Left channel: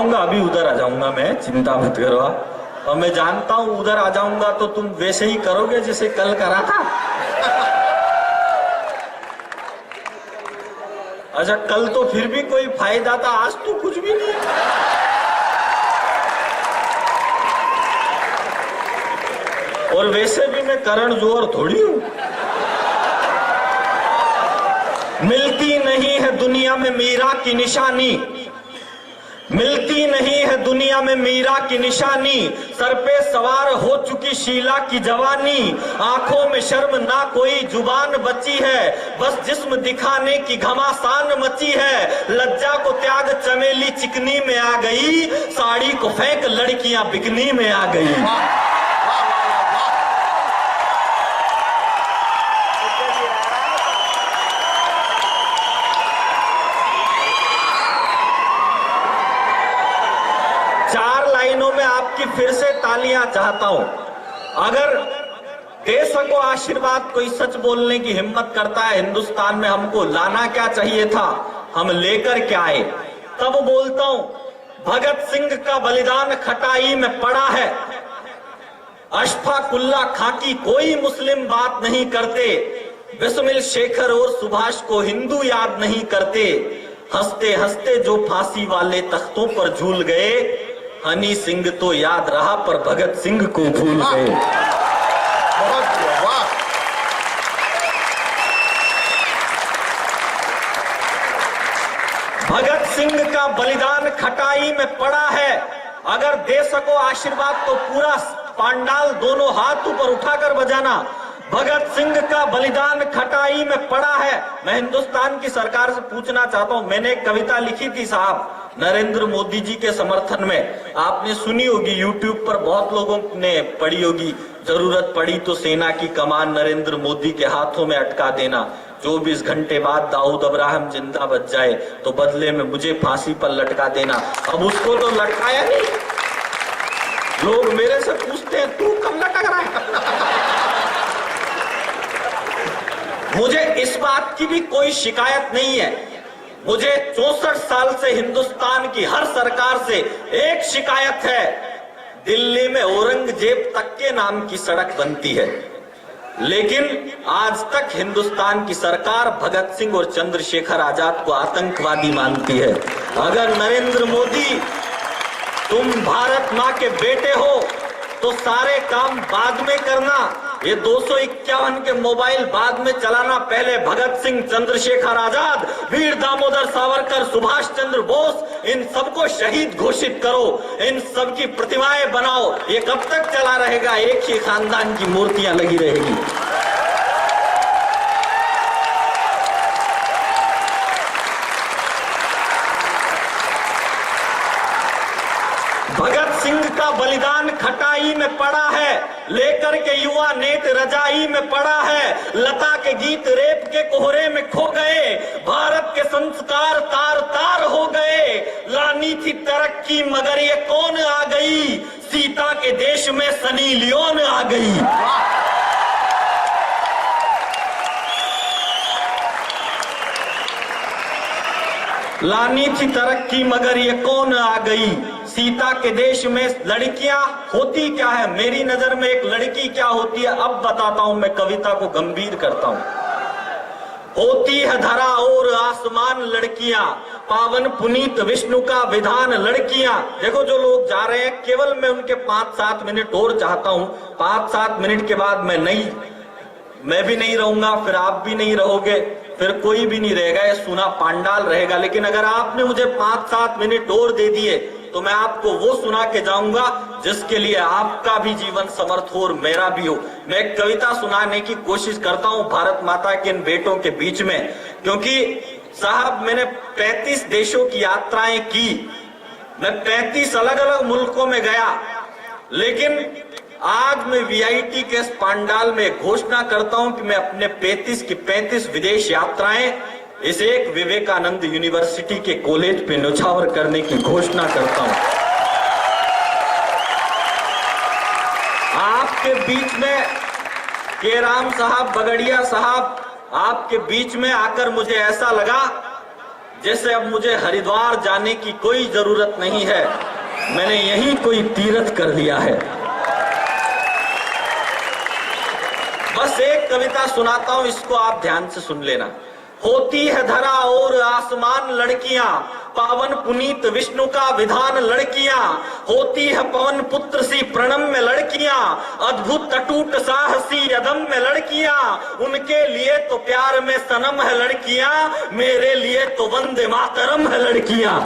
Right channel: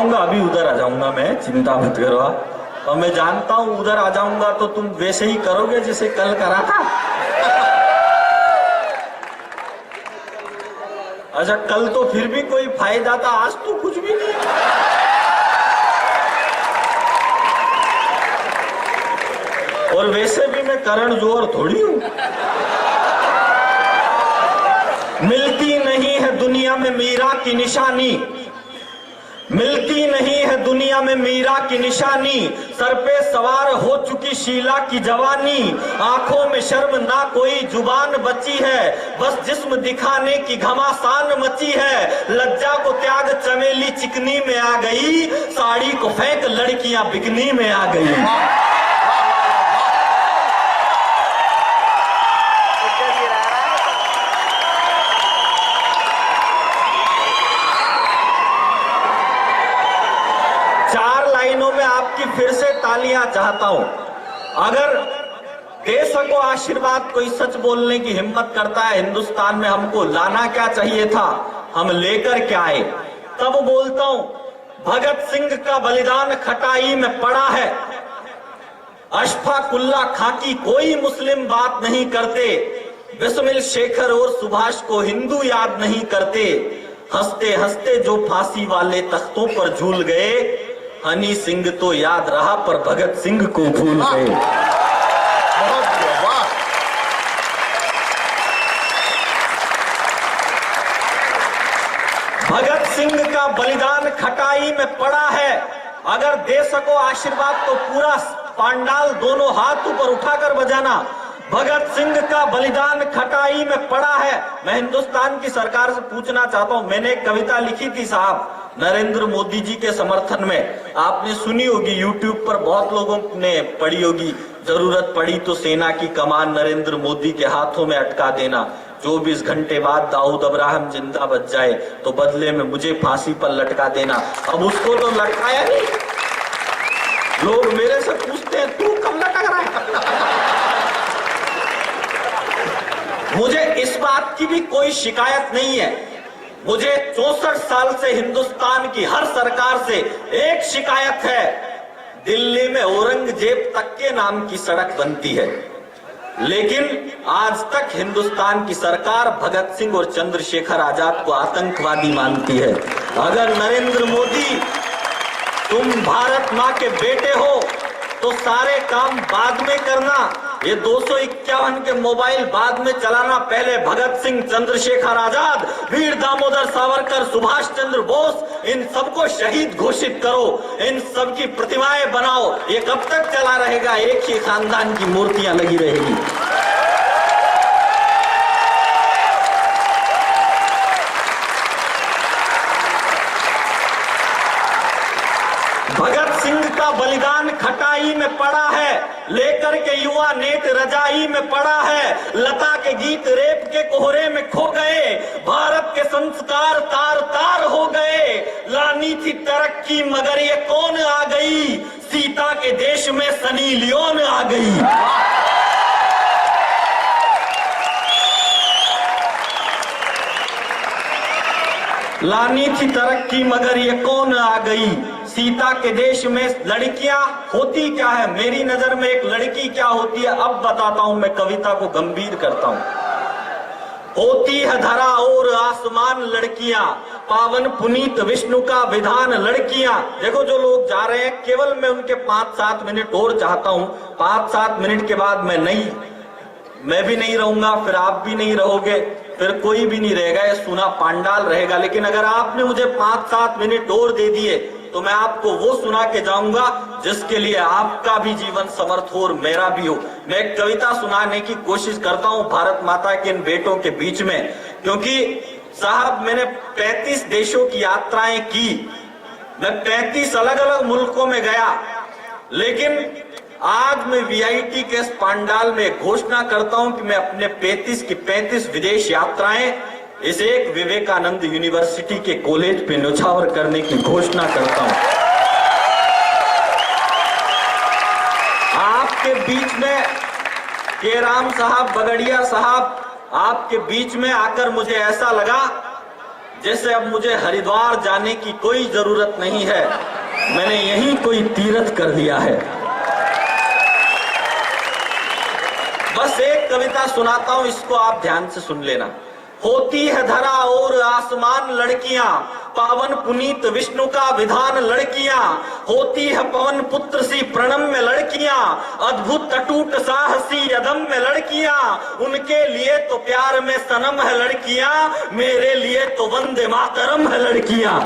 जाऊंगा, अभी उधर आ जाऊंगा मैं, चिंता मत करो। और मैं जानता हूं उधर आ जाऊंगा तो तुम वैसे ही करोगे जैसे कल करा था। अच्छा, कल तो फिर भी कोई फायदा था, आज तो कुछ भी नहीं। और वैसे भी मैं करण जौहर थोड़ी हूं। मिलती नहीं है दुनिया में मीरा की निशानी, मिलती नहीं है दुनिया में मीरा की निशानी, सर पे सवार हो चुकी शीला की जवानी, आंखों में शर्म ना कोई जुबान बची है, बस जिस्म दिखाने की घमासान मची है, लज्जा को त्याग चमेली चिकनी में आ गई, साड़ी को फेंक लड़कियां बिकनी में आ गई। आपकी फिर से तालियां चाहता हूं। अगर दे सको आशीर्वाद, कोई सच बोलने की हिम्मत करता है हिंदुस्तान में, हमको लाना क्या चाहिए था, हम लेकर क्या आए, तब बोलता हूं भगत सिंह का बलिदान खटाई में पड़ा है, अशफाकुल्ला खां की कोई मुस्लिम बात नहीं करते, बिस्मिल शेखर और सुभाष को हिंदू याद नहीं करते, हंसते हंसते जो फांसी वाले तख्तों पर झूल गए, हनी सिंह तो याद रहा पर भगत सिंह को भूल गए। भगत सिंह का बलिदान खटाई में पड़ा है, अगर दे सको आशीर्वाद तो पूरा पांडाल दोनों हाथ ऊपर उठाकर बजाना। भगत सिंह का बलिदान खटाई में पड़ा है। मैं हिंदुस्तान की सरकार से पूछना चाहता हूं, मैंने एक कविता लिखी थी साहब नरेंद्र मोदी जी के समर्थन में, आपने सुनी होगी, यूट्यूब पर बहुत लोगों ने पढ़ी होगी, जरूरत पड़ी तो सेना की कमान नरेंद्र मोदी के हाथों में अटका देना, 24 घंटे बाद दाऊद अब्राहम जिंदा बच जाए तो बदले में मुझे फांसी पर लटका देना। अब उसको तो लटकाया नहीं, लोग मेरे से पूछते हैं तू कब लटक रहा है। मुझे इस बात की भी कोई शिकायत नहीं है, मुझे 64 साल से हिंदुस्तान की हर सरकार से एक शिकायत है, दिल्ली में औरंगजेब तक के नाम की सड़क बनती है, लेकिन आज तक हिंदुस्तान की सरकार भगत सिंह और चंद्रशेखर आजाद को आतंकवादी मानती है। अगर नरेंद्र मोदी तुम भारत माँ के बेटे हो तो सारे काम बाद में करना, ये 251 के मोबाइल बाद में चलाना, पहले भगत सिंह, चंद्रशेखर आजाद, वीर दामोदर सावरकर, सुभाष चंद्र बोस, इन सबको शहीद घोषित करो, इन सब की प्रतिमाएं बनाओ। ये कब तक चला रहेगा, एक ही खानदान की मूर्तियां लगी रहेगी। भगत सिंह का बलिदान खटाई में पड़ा है, लेकर के युवा नेत रजाई में पड़ा है, लता के गीत रेप के कोहरे में खो गए, भारत के संस्कार तार तार हो गए, लानी थी तरक्की मगर ये कौन आ गई, सीता के देश में सनी लियोन आ गई। लानी थी तरक्की मगर ये कौन आ गई, सीता के देश में लड़कियां होती क्या है, मेरी नजर में एक लड़की क्या होती है अब बताता हूं, मैं कविता को गंभीर करता हूं। होती है धरा और आसमान लड़कियां, पावन पुनीत विष्णु का विधान लड़कियां। देखो जो लोग जा रहे हैं, केवल मैं उनके 5-7 मिनट और चाहता हूं, 5-7 मिनट के बाद मैं भी नहीं रहूंगा, फिर आप भी नहीं रहोगे, फिर कोई भी नहीं रहेगा, ये सुना पांडाल रहेगा। लेकिन अगर आपने मुझे 5-7 मिनट और दे दिए तो मैं आपको वो सुना के जाऊंगा जिसके लिए आपका भी जीवन समर्थ हो और मेरा भी हो। मैं एक कविता सुनाने की कोशिश करता हूं भारत माता के इन बेटों के बीच में, क्योंकि साहब मैंने 35 देशों की यात्राएं की, मैं 35 अलग अलग मुल्कों में गया, लेकिन आज मैं वीआईटी के इस पांडाल में घोषणा करता हूं कि मैं अपने 35 की 35 विदेश यात्राएं इस एक विवेकानंद यूनिवर्सिटी के कॉलेज पे न्यौछावर करने की घोषणा करता हूं। आपके बीच में के राम साहब, बगड़िया साहब, आपके बीच में आकर मुझे ऐसा लगा जैसे अब मुझे हरिद्वार जाने की कोई जरूरत नहीं है, मैंने यहीं कोई तीर्थ कर लिया है। बस एक कविता सुनाता हूं, इसको आप ध्यान से सुन लेना। होती है धरा और आसमान लड़कियां, पावन पुनीत विष्णु का विधान लड़कियां। होती है पवन पुत्र सी प्रणम्य लड़कियां, अद्भुत अटूट साहसी अदम्य लड़कियां। उनके लिए तो प्यार में सनम है लड़कियां, मेरे लिए तो वंदे मातरम है लड़कियां।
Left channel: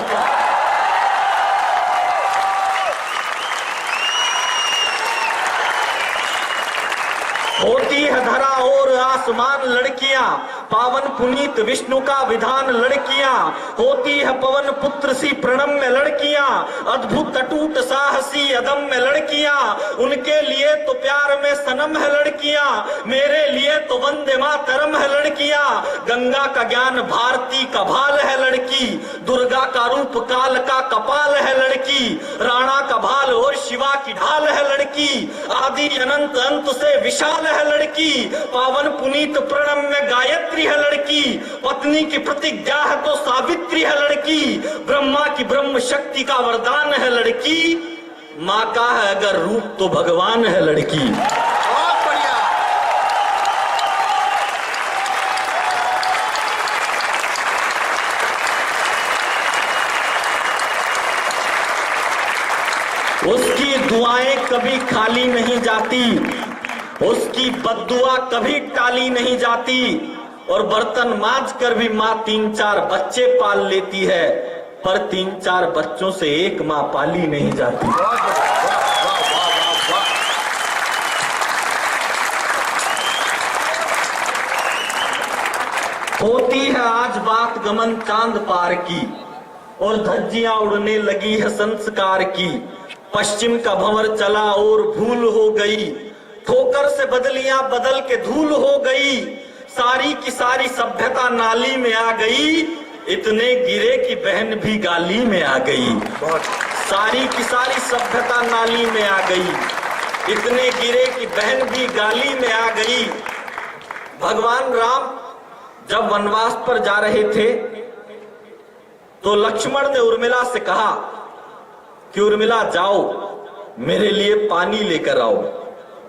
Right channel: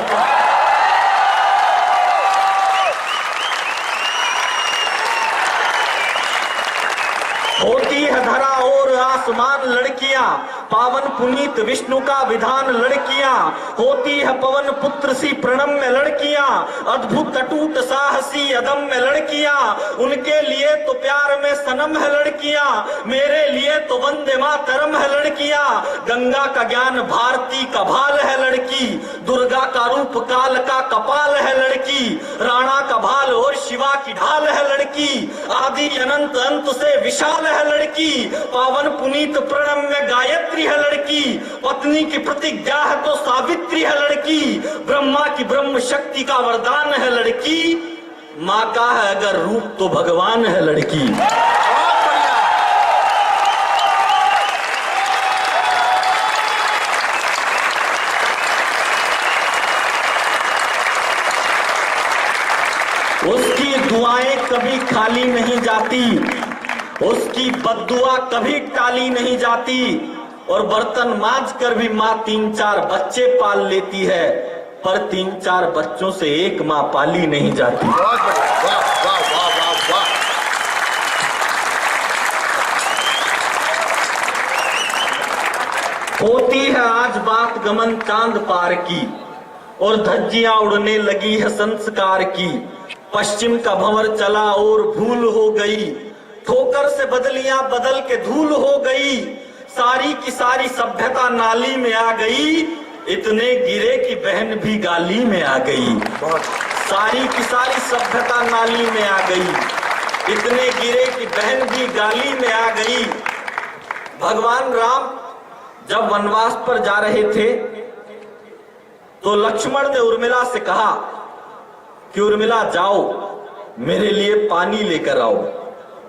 होती है धरा और आसमान लड़कियां, पावन पुनीत विष्णु का विधान लड़कियां। होती है पवन पुत्र सी प्रणम्य लड़कियां, अद्भुत अटूट साहसी अदम्य लड़कियां। उनके लिए तो प्यार में सनम है लड़कियां, मेरे लिए तो वंदे मातरम है लड़कियां। गंगा का ज्ञान भारती का भाल है लड़की, दुर्गा का रूप काल का कपाल है लड़की। राणा का भाल और शिवा की ढाल है लड़की, आदि अनंत अंत से विशाल है लड़की। पावन पुनीत प्रणम्य गायत्री है लड़की, पत्नी की प्रतिज्ञा है तो सावित्री है लड़की। ब्रह्मा की ब्रह्म शक्ति का वरदान है लड़की, माँ का है अगर रूप तो भगवान है लड़की। बहुत बढ़िया। उसकी दुआएं कभी खाली नहीं जाती, उसकी बद्दुआ कभी टाली नहीं जाती। और बर्तन मांज कर भी माँ 3-4 बच्चे पाल लेती है, पर 3-4 बच्चों से एक माँ पाली नहीं जाती। बहुत बढ़िया। वाह वाह वाह वाह वाह। होती है आज बात गमन चांद पार की, और धज्जियां उड़ने लगी है संस्कार की। पश्चिम का भंवर चला और भूल हो गई, ठोकर से बदलियां बदल के धूल हो गई। सारी की सारी सभ्यता नाली में आ गई, इतने गिरे कि बहन भी गाली में आ गई। सारी की सारी सभ्यता नाली में आ गई, इतने गिरे कि बहन भी गाली में आ गई। भगवान राम जब वनवास पर जा रहे थे तो लक्ष्मण ने उर्मिला से कहा कि उर्मिला जाओ मेरे लिए पानी लेकर आओ।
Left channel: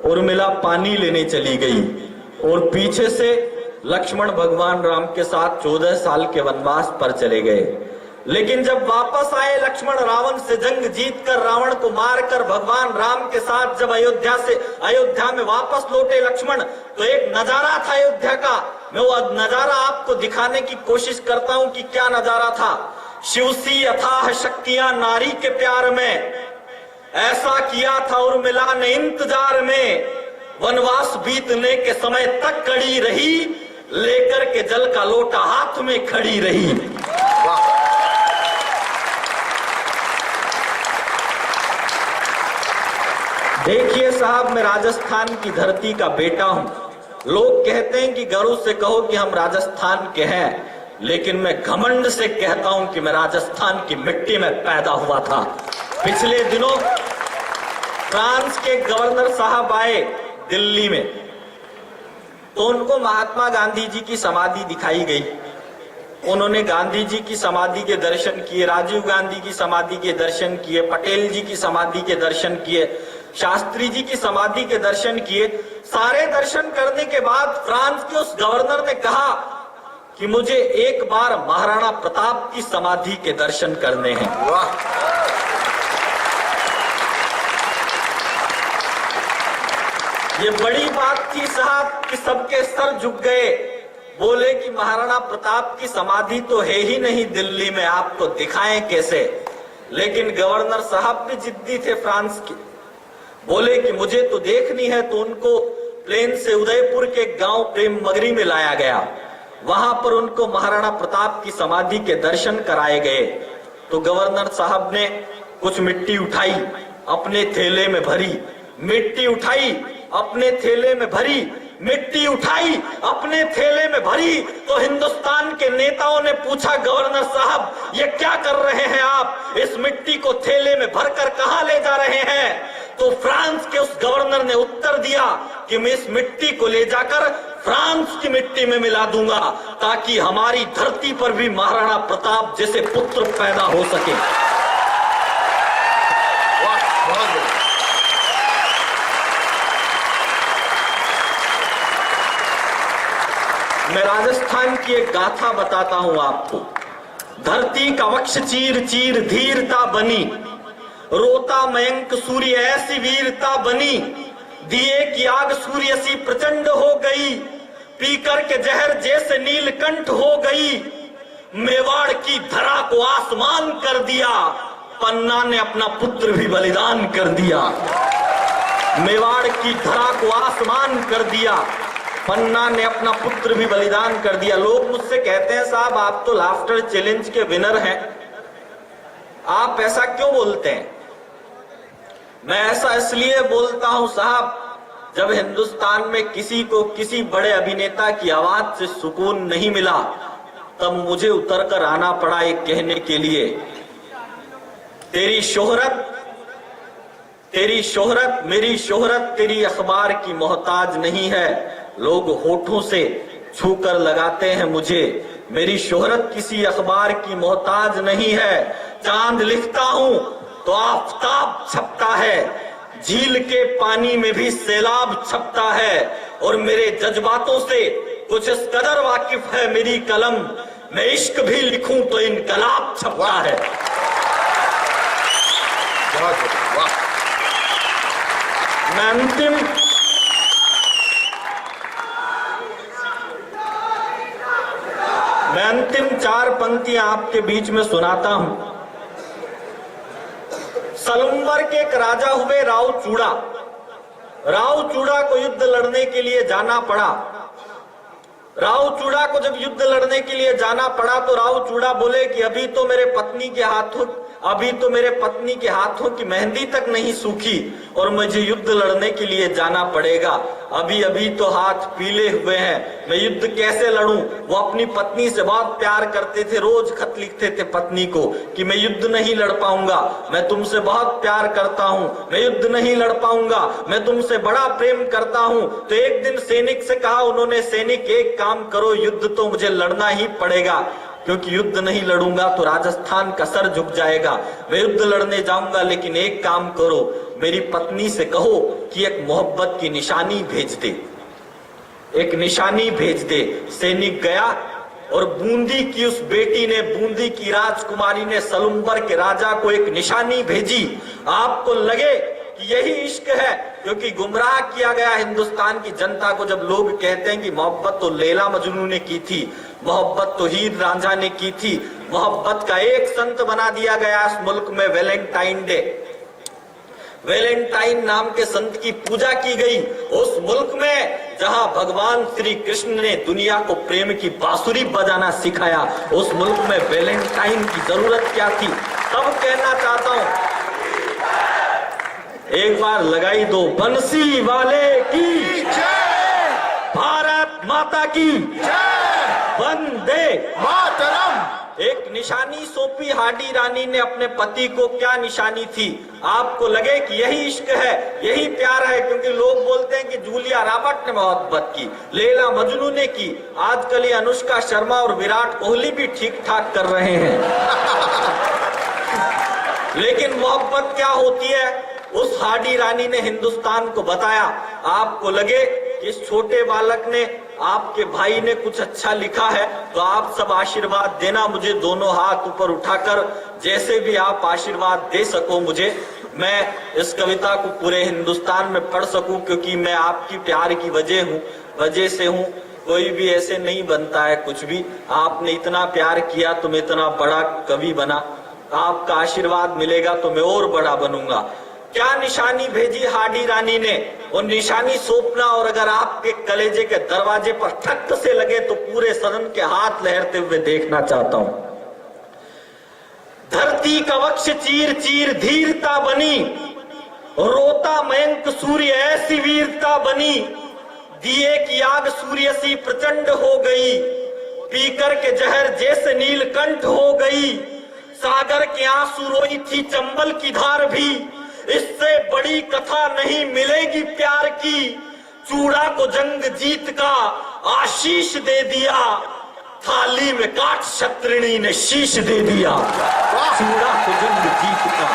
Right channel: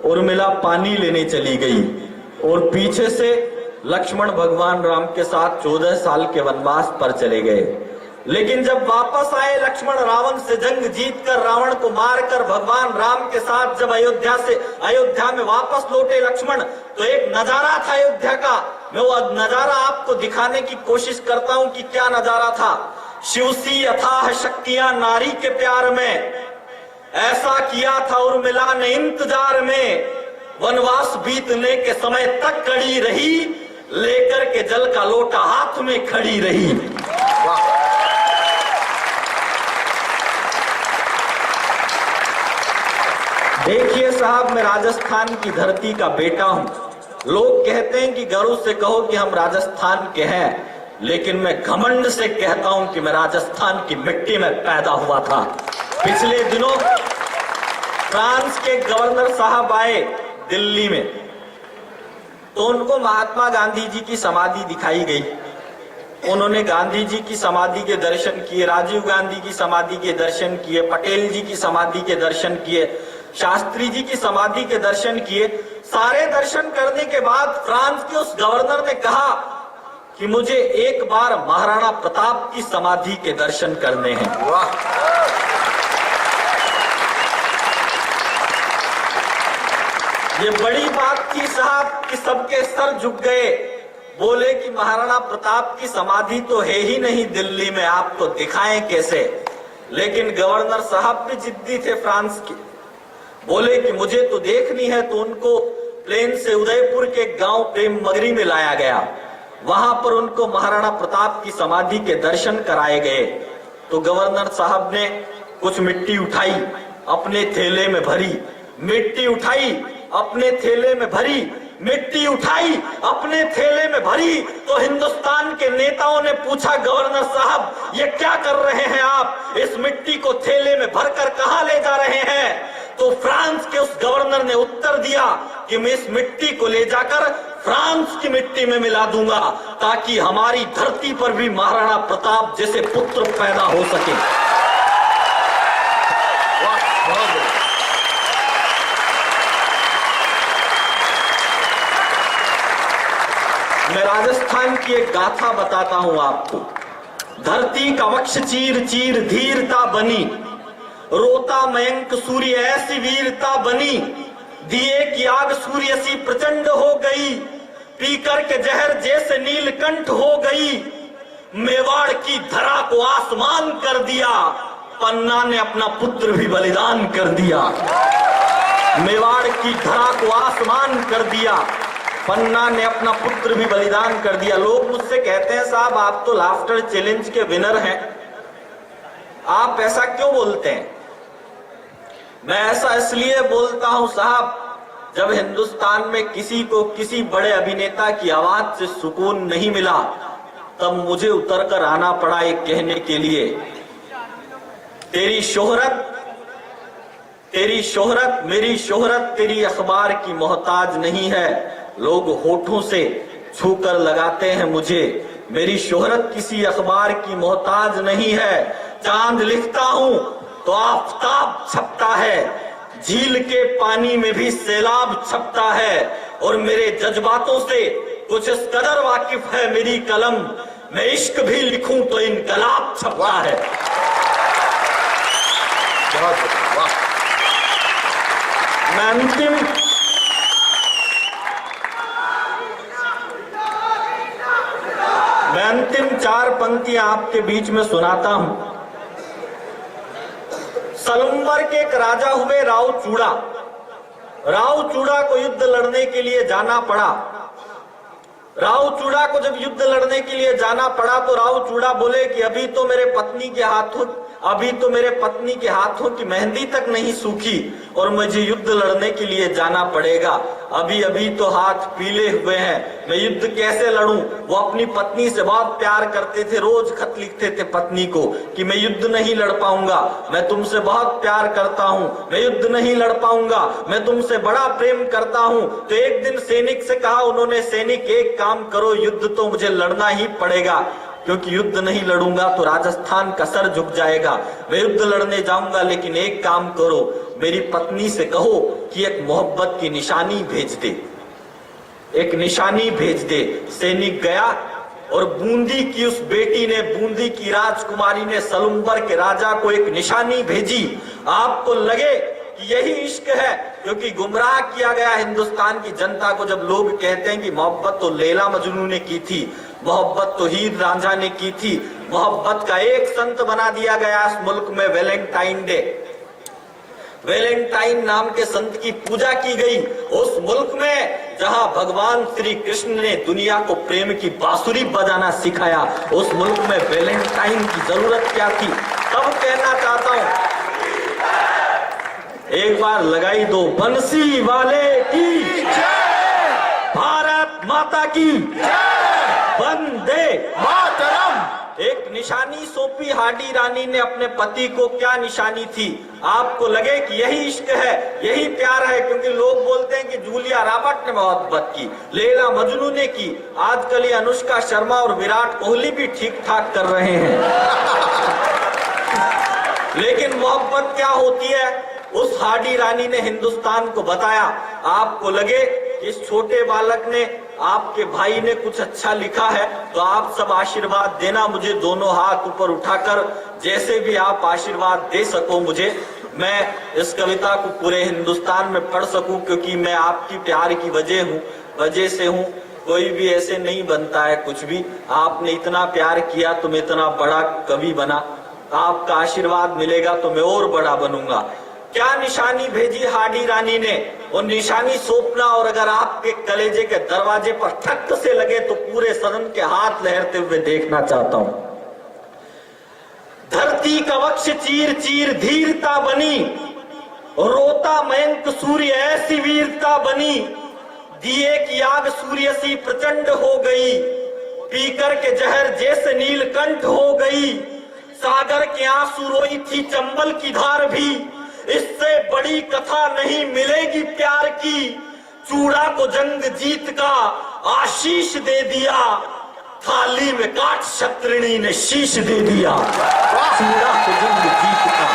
उर्मिला पानी लेने चली गई और पीछे से लक्ष्मण भगवान राम के साथ 14 साल के वनवास पर चले गए। लेकिन जब वापस आए लक्ष्मण रावण से जंग जीतकर, रावण को मारकर भगवान राम के साथ जब अयोध्या में वापस लौटे लक्ष्मण, तो एक नजारा था अयोध्या का। मैं वो नजारा आपको दिखाने की कोशिश करता हूं कि क्या नजारा था। शिव सी अथाह शक्तियां नारी के प्यार में, ऐसा किया था उर्मिला ने इंतजार में। वनवास बीतने के समय तक कड़ी रही, लेकर के जल का लोटा हाथ में खड़ी रही। देखिए साहब, मैं राजस्थान की धरती का बेटा हूं। लोग कहते हैं कि गर्व से कहो कि हम राजस्थान के हैं, लेकिन मैं घमंड से कहता हूं कि मैं राजस्थान की मिट्टी में पैदा हुआ था। पिछले दिनों फ्रांस के गवर्नर साहब आए दिल्ली में, तो उनको महात्मा गांधी जी की समाधि दिखाई गई। उन्होंने गांधी जी की समाधि के दर्शन किए, राजीव गांधी की समाधि के दर्शन किए, पटेल जी की समाधि के दर्शन किए, शास्त्री जी की समाधि के दर्शन किए। सारे दर्शन करने के बाद फ्रांस के उस गवर्नर ने कहा कि मुझे एक बार महाराणा प्रताप की समाधि के दर्शन करने हैं। ये बड़ी बात थी साहब कि सबके सर झुक गए। बोले कि महाराणा प्रताप की समाधि तो है ही नहीं दिल्ली में, आपको दिखाएं कैसे। लेकिन गवर्नर साहब भी जिद्दी थे फ्रांस के, बोले कि मुझे तो देखनी है। तो उनको प्लेन से उदयपुर के गांव प्रेम मगरी में लाया गया। वहां पर उनको महाराणा प्रताप की समाधि के दर्शन कराए गए। तो गवर्नर साहब ने कुछ मिट्टी उठाई, अपने थैले में भरी, मिट्टी उठाई, अपने थैले में भरी, मिट्टी उठाई, अपने थैले में भरी। तो हिंदुस्तान के नेताओं ने पूछा, गवर्नर साहब ये क्या कर रहे हैं आप, इस मिट्टी को थैले में भरकर कहां ले जा रहे हैं? तो फ्रांस के उस गवर्नर ने उत्तर दिया कि मैं इस मिट्टी को ले जाकर फ्रांस की मिट्टी में मिला दूंगा, ताकि हमारी धरती पर भी महाराणा प्रताप जैसे पुत्र पैदा हो सके। वाह, बहुत बढ़िया। मैं राजस्थान की एक गाथा बताता हूं आपको। धरती का वक्ष चीर चीर धीरता बनी, रोता मयंक सूर्य ऐसी वीरता बनी, दिए की आग सूर्य सी प्रचंड हो गई, पीकर के जहर जैसे नीलकंठ हो गई, मेवाड़ की धरा को आसमान कर दिया, पन्ना ने अपना पुत्र भी बलिदान कर दिया। मेवाड़ की धरा को आसमान कर दिया, पन्ना ने अपना पुत्र भी बलिदान कर दिया। लोग मुझसे कहते हैं साहब आप तो लाफ्टर चैलेंज के विनर हैं, आप ऐसा क्यों बोलते हैं? मैं ऐसा इसलिए बोलता हूं साहब, जब हिंदुस्तान में किसी को किसी बड़े अभिनेता की आवाज से सुकून नहीं मिला, तब मुझे उतर कर आना पड़ा एक कहने के लिए, तेरी शोहरत मेरी शोहरत तेरी अखबार की मोहताज नहीं है। लोग होठों से छूकर लगाते हैं मुझे, मेरी शोहरत किसी अखबार की मोहताज नहीं है। चांद लिखता हूं तो आफताब छपता है, झील के पानी में भी सैलाब छपता है, और मेरे जज्बातों से कुछ इस कदर वाकिफ है मेरी कलम, मैं इश्क भी लिखूं तो इनकलाब छपता है। बहुत बढ़िया, वाह। मैं अंतिम 4 पंक्तियां आपके बीच में सुनाता हूं। सलुम्बर के एक राजा हुए राव चूड़ा। राव चूड़ा को युद्ध लड़ने के लिए जाना पड़ा। राव चूड़ा को जब युद्ध लड़ने के लिए जाना पड़ा तो राव चूड़ा बोले कि अभी तो मेरे पत्नी के हाथों की मेहंदी तक नहीं सूखी और मुझे युद्ध लड़ने के लिए जाना पड़ेगा। अभी अभी तो हाथ पीले हुए हैं, मैं युद्ध कैसे लड़ूं? वो अपनी पत्नी से बहुत प्यार करते थे, रोज खत लिखते थे पत्नी को कि मैं युद्ध नहीं लड़ पाऊंगा, मैं तुमसे बहुत प्यार करता हूं, मैं युद्ध नहीं लड़ पाऊंगा, मैं तुमसे बड़ा प्रेम करता हूं। तो एक दिन सैनिक से कहा उन्होंने, सैनिक एक काम करो, युद्ध तो मुझे लड़ना ही पड़ेगा, क्योंकि युद्ध नहीं लड़ूंगा तो राजस्थान का सर झुक जाएगा। मैं युद्ध लड़ने जाऊंगा, लेकिन एक काम करो, मेरी पत्नी से कहो कि एक मोहब्बत की निशानी भेज दे, एक निशानी भेज दे। सैनिक गया और बूंदी की उस बेटी ने, बूंदी की राजकुमारी ने सलुम्बर के राजा को एक निशानी भेजी। आपको लगे कि यही इश्क है, क्योंकि गुमराह किया गया हिंदुस्तान की जनता को जब लोग कहते हैं कि मोहब्बत तो लैला मजनू ने की थी, मोहब्बत तो हीर रांझा ने की थी, मोहब्बत का एक संत बना दिया गया इस मुल्क में वैलेंटाइन डे। वैलेंटाइन नाम के संत की पूजा की गई उस मुल्क में जहां भगवान श्री कृष्ण ने दुनिया को प्रेम की बांसुरी बजाना सिखाया, उस मुल्क में वैलेंटाइन की जरूरत क्या थी? तब कहना चाहता हूं, एक बार लगाई दो बंसी वाले की जय, भारत माता की जय, वंदे मातरम। एक निशानी सौंपी हाडी रानी ने अपने पति को। क्या निशानी थी? आपको लगे कि यही इश्क है, यही प्यार है, क्योंकि लोग बोलते हैं कि जूलिया रॉबर्ट ने मोहब्बत की, लैला मजनू ने की, आजकल ये अनुष्का शर्मा और विराट कोहली भी ठीक ठाक कर रहे हैं। लेकिन मोहब्बत क्या होती है, उस हाडी रानी ने हिंदुस्तान को बताया। आपको लगे कि इस छोटे बालक ने, आपके भाई ने कुछ अच्छा लिखा है, तो आप सब आशीर्वाद देना मुझे, दोनों हाथ ऊपर उठाकर, जैसे भी आप आशीर्वाद दे सको मुझे, मैं इस कविता को पूरे हिंदुस्तान में पढ़ सकूं, क्योंकि मैं आपकी प्यार की वजह से हूं। कोई भी ऐसे नहीं बनता है कुछ भी, आपने इतना प्यार किया तो मैं इतना बड़ा कवि बना, आपका आशीर्वाद मिलेगा तो मैं और बड़ा बनूंगा। क्या निशानी भेजी हाडी रानी ने? वो निशानी सौंपना, और अगर आपके कलेजे के दरवाजे पर ठक से लगे तो पूरे सदन के हाथ लहरते हुए देखना चाहता हूं। धरती का वक्ष चीर चीर धीरता बनी, रोता मयंक सूर्य ऐसी वीरता बनी, दिए की आग सूर्य सी प्रचंड हो गई, पीकर के जहर जैसे नीलकंठ हो गई, सागर के आंसू रोई थी चंबल की धार भी, इससे बड़ी कथा नहीं मिलेगी प्यार की, चूड़ा को जंग जीत का आशीष दे दिया, थाली में काट शत्रुणी ने शीश दे दिया। चूड़ा कुजुंग जीत का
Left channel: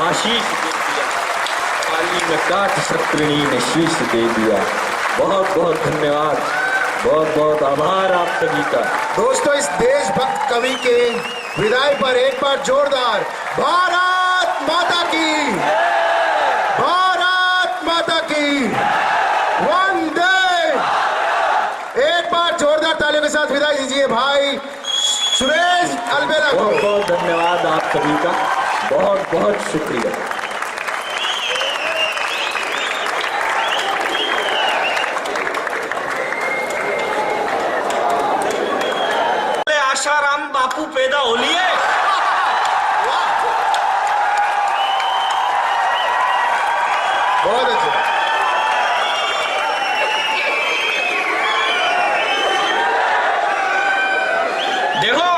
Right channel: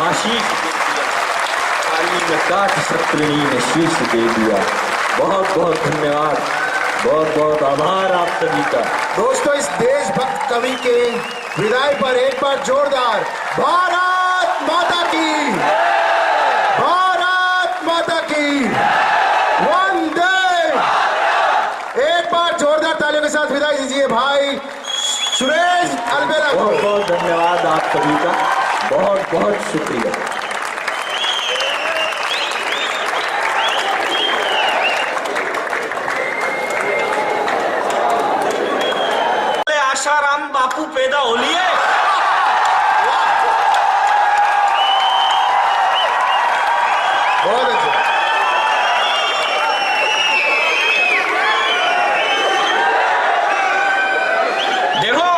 आशीष दे दिया, थाली में काट शत्रुणी ने शीश दे दिया। बहुत बहुत धन्यवाद, बहुत बहुत आभार आप सभी का। दोस्तों, इस देशभक्त कवि के विदाई पर एक बार जोरदार भारत माता की, भारत माता की वंदे। एक बार जोरदार तालियों के साथ विदाई दीजिए भाई सुरेश अलबेला को। बहुत बहुत धन्यवाद आप सभी का, बहुत बहुत शुक्रिया। आशाराम बापू पैदा हो लिए। बहुत अच्छा। देखो,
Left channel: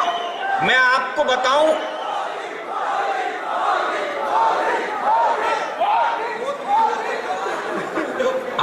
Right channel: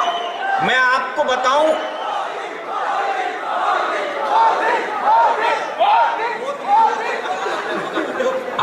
मैं आपको बताऊं,